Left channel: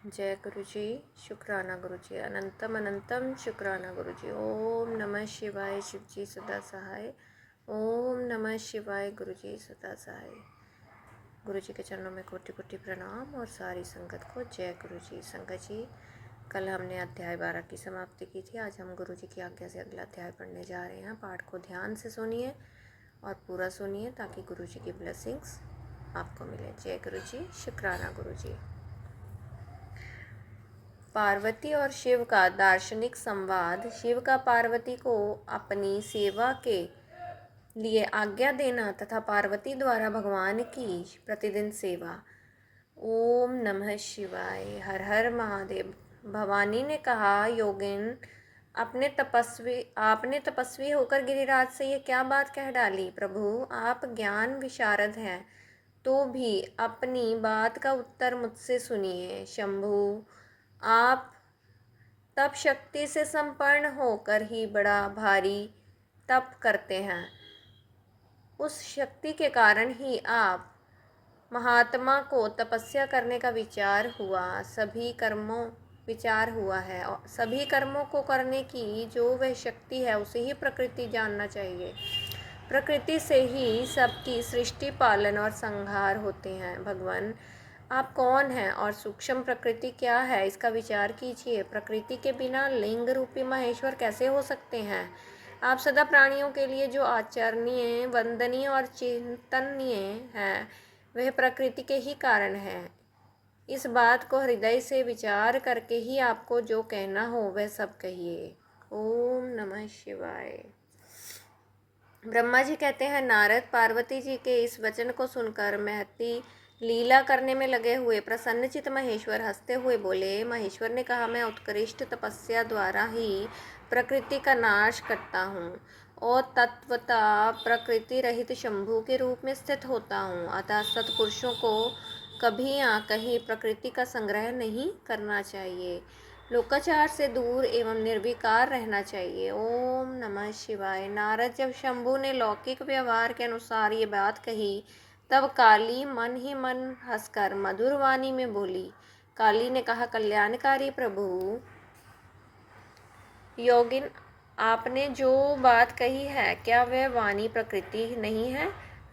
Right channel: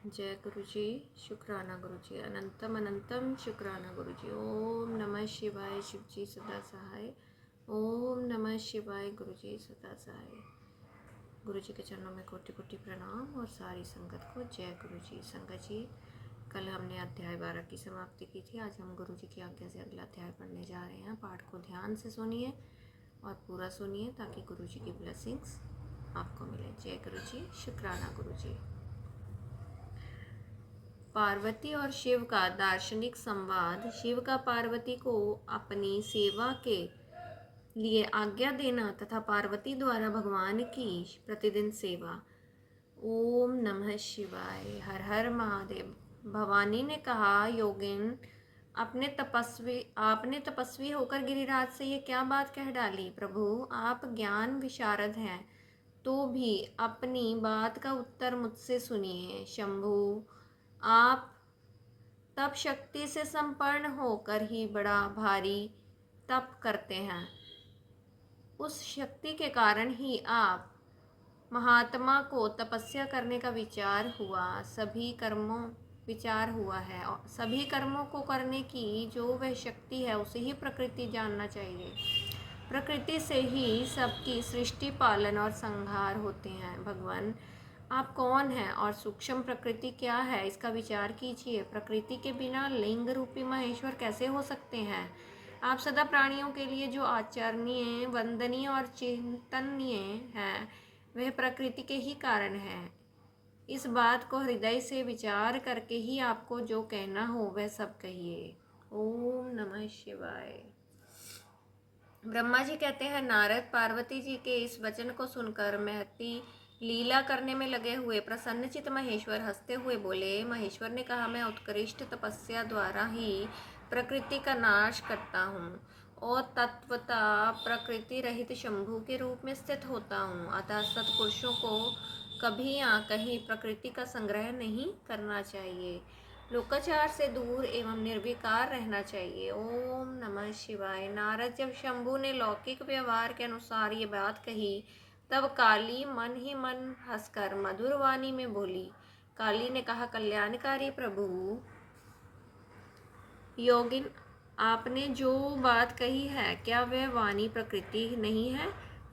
जय गुरु जी। शुक्राना गुरु जी। अनंतम अनंतम शुक्राना गुरु जी। ओम नमः शिवाय। शिव जी सदा सहाय। ओम नमः शिवाय। गुरु जी सदा सहाय। गुरु जी के चरणों में कोटि कोटि प्रणाम और सारी संगत को जय गुरु जी। संगत जी, कल हमने अध्याय 12 की समाप्ति की थी। आज हम गुरु जी की आज्ञा से अगला अध्याय पढ़ने जा रहे हैं। पाठ को ध्यान से सुनिए और पूरा सुनिए ताकि गुरु जी की ब्लेसिंग्स आपको मिले। जय गुरु जी। शुक्राना गुरु जी। पार्वती और शिव का दार्शनिक संवाद। शिव का पार्वती को अपनी सेवा के लिए आज्ञा देना तथा पार्वती द्वारा भगवान की प्रतिदिन सेवा। ओम नमः शिवाय। हर हर महादेव। भवानी ने कहा, योगिन, आपने तपस्वी होकर गिरिराज से ये क्या बात कह डाली। प्रभु, आप ज्ञान विशारद हैं, तो भी अपनी बात का उत्तर मुझसे सुनिए। शंभु, आप तप शक्ति से संपन्न होकर ही बड़ा भारी तप करते हैं। उस शक्ति के कारण ही आप महात्मा को तपस्या करने का विचार हुआ है और सभी कर्मों को करने की जो वह शक्ति है उसे ही प्रकृति जानना चाहिए। प्रकृति से ही सबकी सृष्टि, पालन और संहार होते हैं। भगवान, आप कौन हैं और सूक्ष्म प्रकृति क्या है, इसका विचार कीजिए। प्रकृति के बिना लिंग रूपी महेश्वर कैसे हो सकते हैं। आप सदा प्राणियों के लिए जो आचरणीय, वंदनीय और चिंतनीय हैं, वह प्रकृति के ही कारण है। इस बात को हृदय से विचार करके ही आपको जो कहना हो वह सब कहिए। ओम नमः शिवाय। ब्रह्मा जी कहते हैं, नारद, पार्वती जी के इस वचन को सुनकर महती लीला करने में लगे हुए प्रसन्नचित महेश्वर हंसते हुए बोले। महेश्वर ने कहा, मैं उत्कृष्ट तपस्या द्वारा ही प्रकृति का नाश करता हूँ और तत्वतः प्रकृति रहित शंभु के रूप में स्थित होता हूँ। अतः सत्पुरुषों को कभी या कहीं प्रकृति का संग्रह नहीं करना चाहिए। लोकाचार से दूर एवं निर्विकार रहना चाहिए। ओम नमः शिवाय। नारद, जब शंभु ने लौकिक व्यवहार के अनुसार ये बात कही, तब काली मन ही मन हंसकर मधुर वाणी में बोली। काली ने कहा, कल्याणकारी प्रभु, योगिन, आपने जो बात कही है, क्या वह वाणी प्रकृति नहीं है?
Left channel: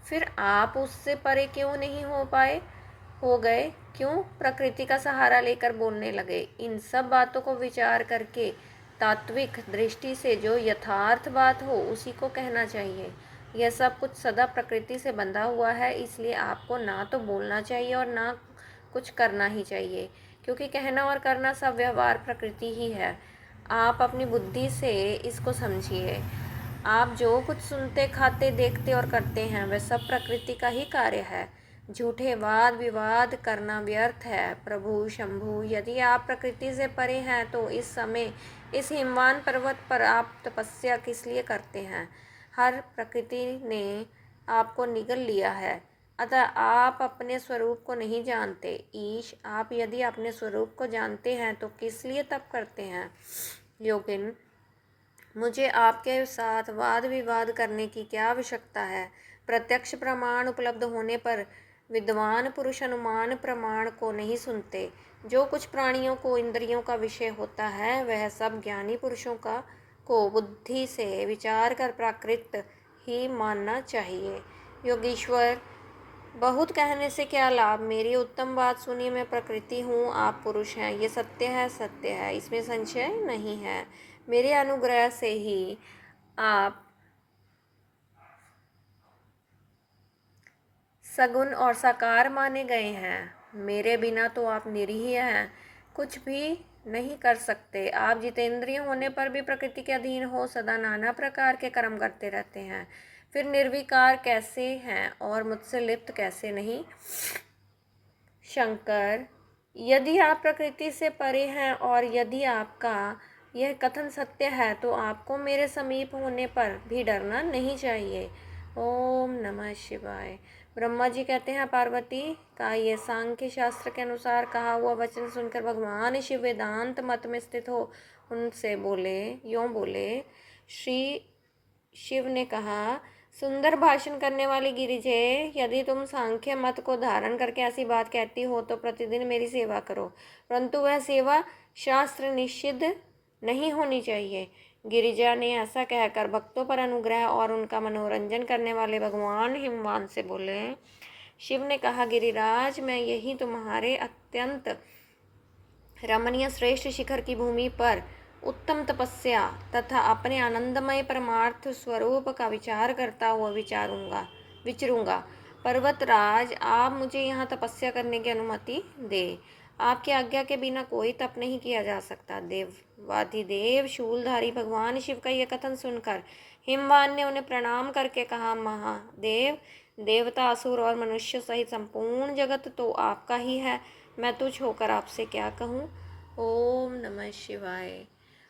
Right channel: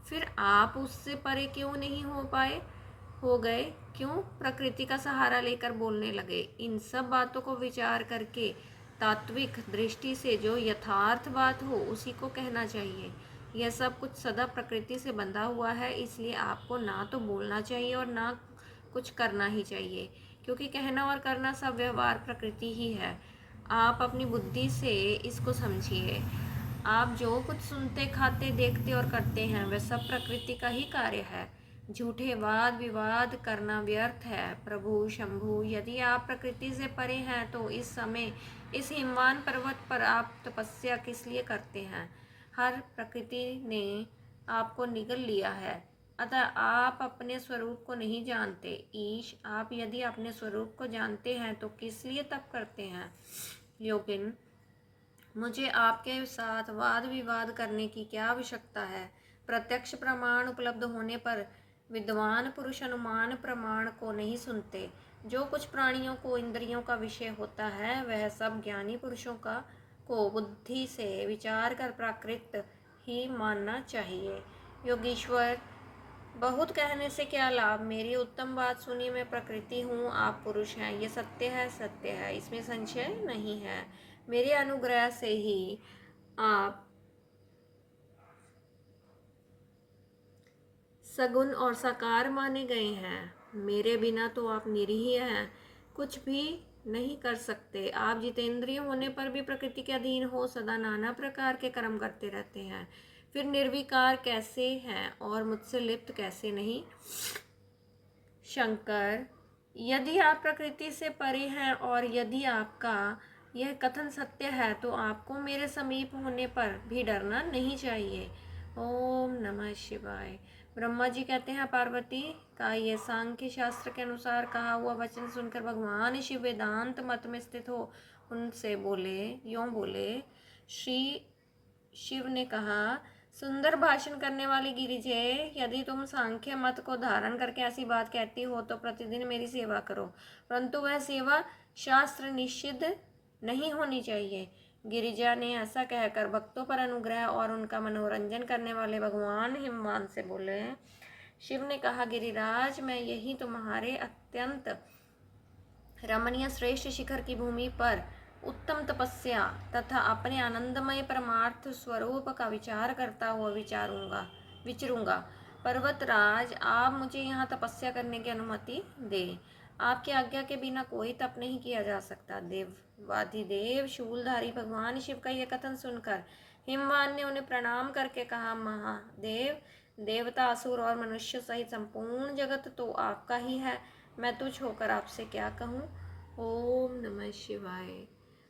फिर आप उससे परे क्यों नहीं हो गए? क्यों प्रकृति का सहारा लेकर बोलने लगे? इन सब बातों को विचार करके तात्विक दृष्टि से जो यथार्थ बात हो उसी को कहना चाहिए। यह सब कुछ सदा प्रकृति से बंधा हुआ है, इसलिए आपको ना तो बोलना चाहिए और ना कुछ करना ही चाहिए, क्योंकि कहना और करना सब व्यवहार प्रकृति ही है। आप अपनी बुद्धि से इसको समझिए। आप जो कुछ सुनते, खाते, देखते और करते हैं वह सब प्रकृति का ही कार्य है। झूठे वाद विवाद करना व्यर्थ है। प्रभु शंभु, यदि आप प्रकृति से परे हैं तो इस समय इस हिमवान पर्वत पर आप तपस्या किस लिए करते हैं? हर प्रकृति ने आपको निगल लिया है, अतः आप अपने स्वरूप को नहीं जानते। ईश, आप यदि अपने स्वरूप को जानते हैं तो किस लिए तप करते हैं? योगिन, मुझे आपके साथ वाद विवाद करने की क्या आवश्यकता है? प्रत्यक्ष प्रमाण उपलब्ध होने पर विद्वान पुरुष अनुमान प्रमाण को नहीं सुनते। जो कुछ प्राणियों को इंद्रियों का विषय होता है वह सब ज्ञानी पुरुषों को बुद्धि से विचार कर प्राकृत ही मानना चाहिए। योगीश्वर, बहुत कहने से क्या लाभ? मेरी उत्तम बात सुनिए। मैं प्रकृति हूँ, आप पुरुष हैं, ये सत्य है, इसमें संशय नहीं है। मेरे अनुग्रह से ही आप सगुण और साकार माने गए हैं। मेरे बिना तो आप निरीह हैं, कुछ भी नहीं कर सकते। आप जितेंद्रिय होने पर भी प्रकृति के अधीन हो सदा नाना प्रकार के कर्म करते रहते हैं। फिर निर्विकार कैसे हैं और मुझसे लिप्त कैसे नहीं? शंकर, यदि आप प्रकृति से परे हैं और यदि आपका यह कथन सत्य है तो आपको मेरे समीप होने पर भी डरना नहीं चाहिए। ओम नमः शिवाय। ब्रह्मा जी कहते हैं, पार्वती का ये सांख्य शास्त्र के अनुसार कहा हुआ वचन सुनकर भगवान शिव वेदांत मत में स्थित हो उनसे बोले। श्री शिव ने कहा, सुंदर भाषण करने वाली गिरिजे, यदि तुम सांख्य मत को धारण करके ऐसी बात कहती हो तो प्रतिदिन मेरी सेवा करो, परंतु वह सेवा शास्त्र निषिद्ध नहीं होनी चाहिए। गिरिजा ने ऐसा कहकर भक्तों पर अनुग्रह और उनका मनोरंजन करने वाले भगवान हिमवान से बोले। शिव ने कहा, गिरिराज, मैं यही तुम्हारे अत्यंत रमणीय श्रेष्ठ शिखर की भूमि पर उत्तम तपस्या तथा अपने आनंदमय परमार्थ स्वरूप का विचार करता हुआ विचरूंगा। पर्वतराज, आप मुझे यहाँ तपस्या करने की अनुमति दे। आपकी आज्ञा के बिना कोई तप नहीं किया जा सकता। देवाधिदेव शूलधारी भगवान शिव का यह कथन सुनकर हिमवान ने उन्हें प्रणाम करके कहा, महादेव, देवता, असुर और मनुष्य सहित संपूर्ण जगत तो आपका ही है। मैं तुझ होकर आपसे क्या कहूँ। ओम नमः शिवाय।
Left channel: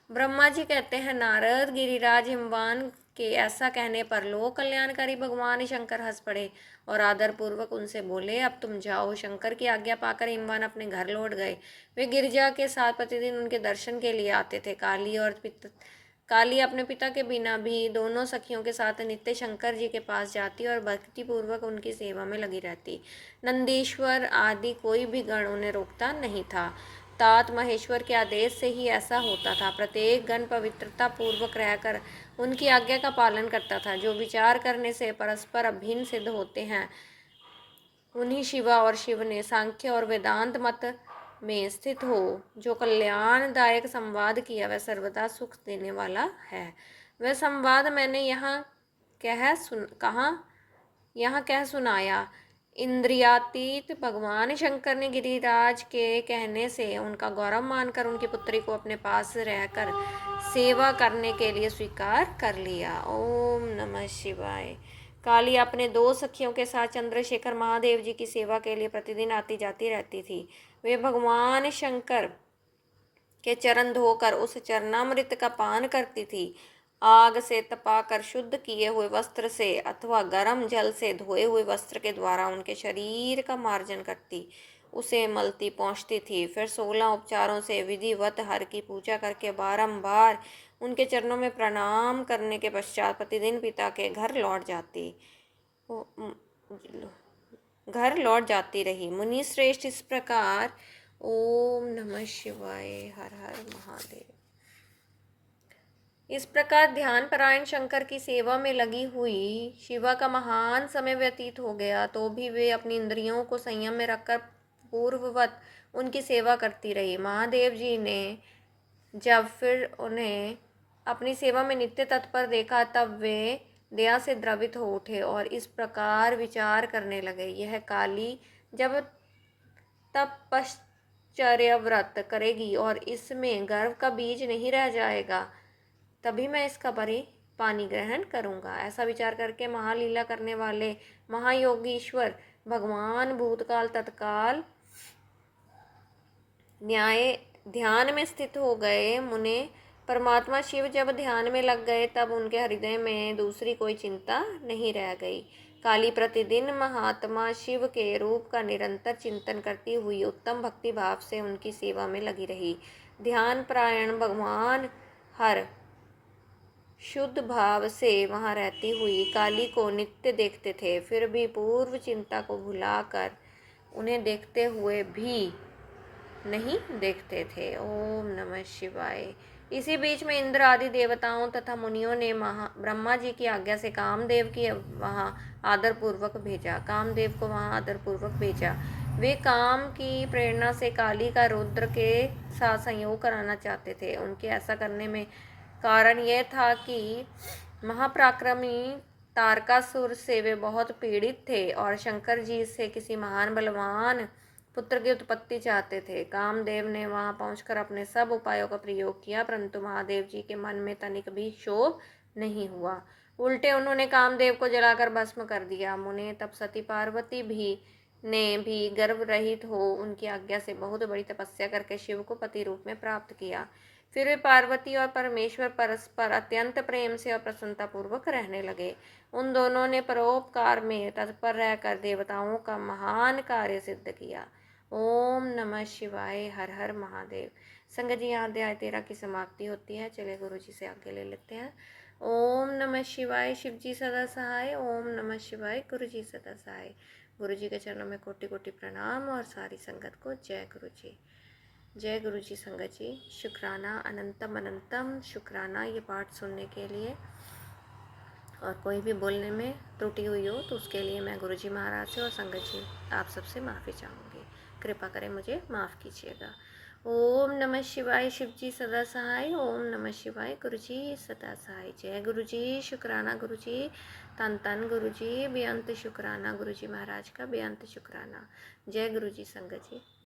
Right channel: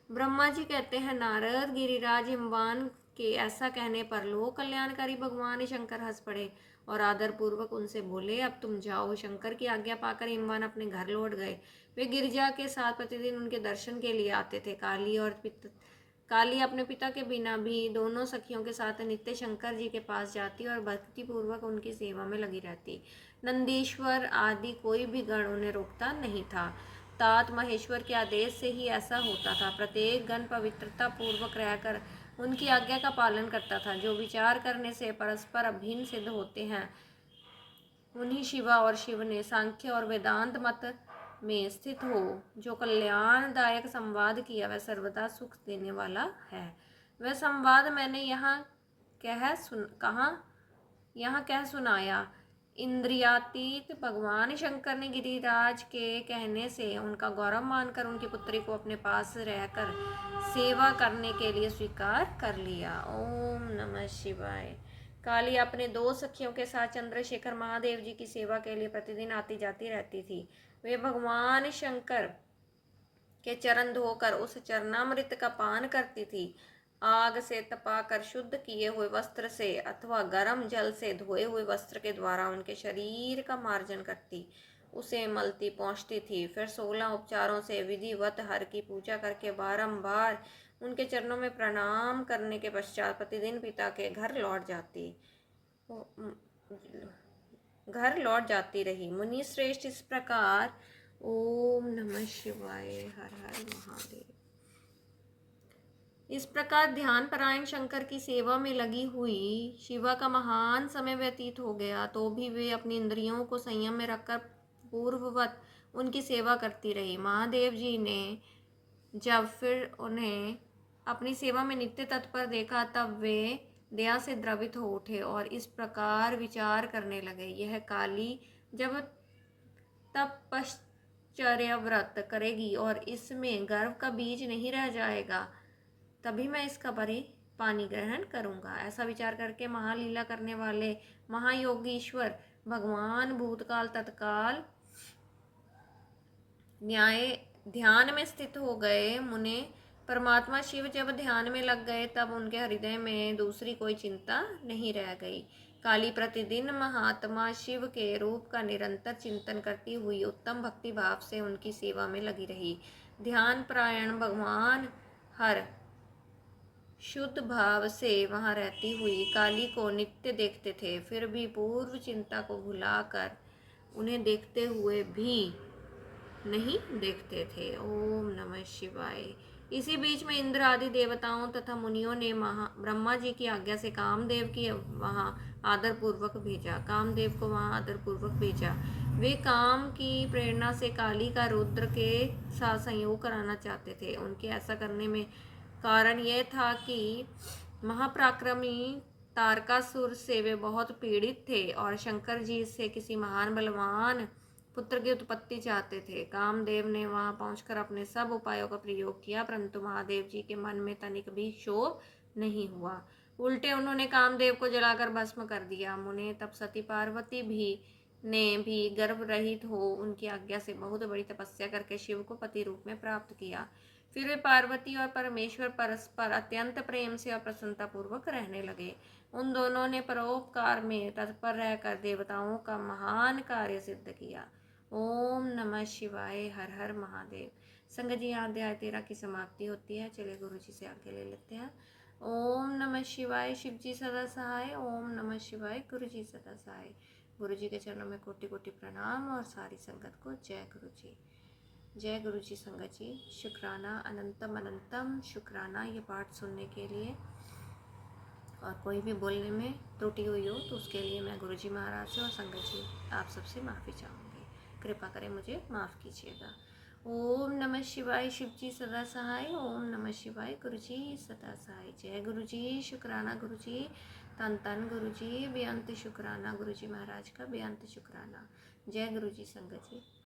ब्रह्मा जी कहते हैं, नारद, गिरिराज हिमवान के ऐसा कहने पर लोक कल्याणकारी भगवान शंकर हंस पड़े और आदरपूर्वक उनसे बोले, अब तुम जाओ। शंकर की आज्ञा पाकर हिमवान अपने घर लौट गए। वे गिरिजा के साथ प्रतिदिन उनके दर्शन के लिए आते थे। काली अपने पिता के बिना भी दोनों सखियों के साथ नित्य शंकर जी के पास जाती और भक्तिपूर्वक उनकी सेवा में लगी रहती। नंदीश्वर आदि कोई भी गण उन्हें रोकता नहीं था। तात महेश्वर के आदेश से ही ऐसा होता था। प्रत्येक गण पवित्रता पूर्वक रहकर उनकी आज्ञा का पालन करता था। जो विचार करने से परस्पर अभिन्न सिद्ध होते हैं, उन्हीं शिवा और शिव ने सांख्य और वेदांत मत में स्थित हो जो कल्याणदायक संवाद किया, वह सर्वदा सुख देने वाला है। वह संवाद मैंने यहाँ कह सुनाया। इंद्रियातीत भगवान शंकर ने गिरिराज के कहने से उनका गौरव मानकर उनकी पुत्री को अपने पास रहकर सेवा करने के लिए स्वीकार कर लिया। ओम नमः शिवाय। काली अपने दो सखियों के साथ चंद्रशेखर महादेव जी की सेवा के लिए प्रतिदिन आती जाती रहती थी। वे भगवान शंकर के चरण धोकर उस चरणामृत का पान करती थी। आग से तपाकर शुद्ध किए हुए वस्त्र से अथवा गर्म जल से धोए हुए वस्त्र के द्वारा उनके शरीर का मार्जन करती, उसे मलती पहुँचती थी। फिर 16 उपचारों से विधिवत हर की पूजा करके बारंबार उनके चरणों में प्रणाम करने के पश्चात प्रतिदिन पिता के घर लौट जाती रही। मुनि श्रेष्ठ, इस प्रकार ओम नमः शिवाय, हर हर महादेव। इस प्रकार ध्यान परायण शंकर की सेवा में लगी हुई शिवा का महान समय व्यतीत हो गया, तो भी वे अपनी इंद्रियों को संयम में रखकर पूर्ववत उनकी सेवा करती रही। महादेव जी ने जब फिर उन्हें अपनी सेवा में नित्य तत्पर देखा, तब वे दया से द्रवित हो उठे और इस प्रकार विचार करने लगे, यह काली जब तपश्चर्या व्रत करेगी और इसमें गर्व का बीज नहीं रह जाएगा, तभी मैं इसका पानी ग्रहण करूंगा। ऐसा विचार करके महालीला करने वाले महायोगीश्वर भगवान भूतकाल तत्काल ध्यान में स्थित हो गए। मुने परमात्मा शिव जब ध्यान में लग गए, तब उनके हृदय में दूसरी कोई चिंता नहीं रह गई। काली प्रतिदिन महात्मा शिव के रूप का निरंतर चिंतन करती हुई उत्तम भक्ति भाव से उनकी सेवा में लगी रही। ध्यान परायण भगवान हर शुद्ध भाव से वहाँ रहती हुई काली को नित्य देखते थे, फिर भी पूर्व चिंता को भुलाकर उन्हें देखते हुए भी नहीं देखते थे। ओम नमः शिवाय। इसी बीच में इंद्र आदि देवताओं तथा मुनियों ने ब्रह्मा जी की आज्ञा से कामदेव को वहाँ आदरपूर्वक भेजा। वे काम की प्रेरणा से काली का रुद्र के साथ संयोग कराना चाहते थे। उनके ऐसा करने में कारण यह था कि महापराक्रमी तारकासुर से वे बहुत पीड़ित थे और शंकर जी से किसी महान बलवान पुत्र की उत्पत्ति चाहते थे। कामदेव ने वहां पहुंचकर अपने सब उपायों का प्रयोग किया, परंतु महादेव जी के मन में तनिक भी क्षोभ नहीं हुआ। उल्टे उन्होंने कामदेव को जलाकर भस्म कर दिया। मुने तब सती पार्वती ने भी गर्भ रहित हो उनकी आज्ञा से बहुत बड़ी तपस्या करके शिव को पति रूप में प्राप्त किया। फिर वे पार्वती और परमेश्वर परस्पर अत्यंत प्रेम से और प्रसन्नता पूर्वक रहने लगे। उन दोनों ने परोपकार में तत्पर रहकर देवताओं का महान कार्य सिद्ध किया। ओम नमः शिवाय, हर हर महादेव। संगत जी, यहाँ अध्याय 13 की समाप्ति होती है। चलिए गुरु जी से आगे ले लेते हैं। ओम नमः शिवाय। शिव जी सदा सहाय। ओम नमः शिवाय। गुरु जी सदा सहाय। गुरु जी के चरणों में कोटि कोटि प्रणाम और सारी संगत को जय गुरु जी। जय गुरु जी। संगत जी शुक्राना, अनंतम अनंतम शुक्राना ये पाठ सुनने के लिए। और कोई भी बोलने में त्रुटि हुई हो तो उसके लिए मैं गुरु जी महाराज से और संगत जी आप सबसे माफ़ी चाहूँगी। कृपा करें मुझे माफ़ कीजिएगा। ओम नमः शिवाय। शिव जी सदा सहाय। ओम नमः शिवाय। गुरु जी सदा सहाय। जय गुरु जी। शुक्राना गुरु जी। तन तन गुरु जी। बेअंत शुक्राना गुरु जी महाराज का, बेअंत शुक्राना। जय गुरु जी। संगत जी।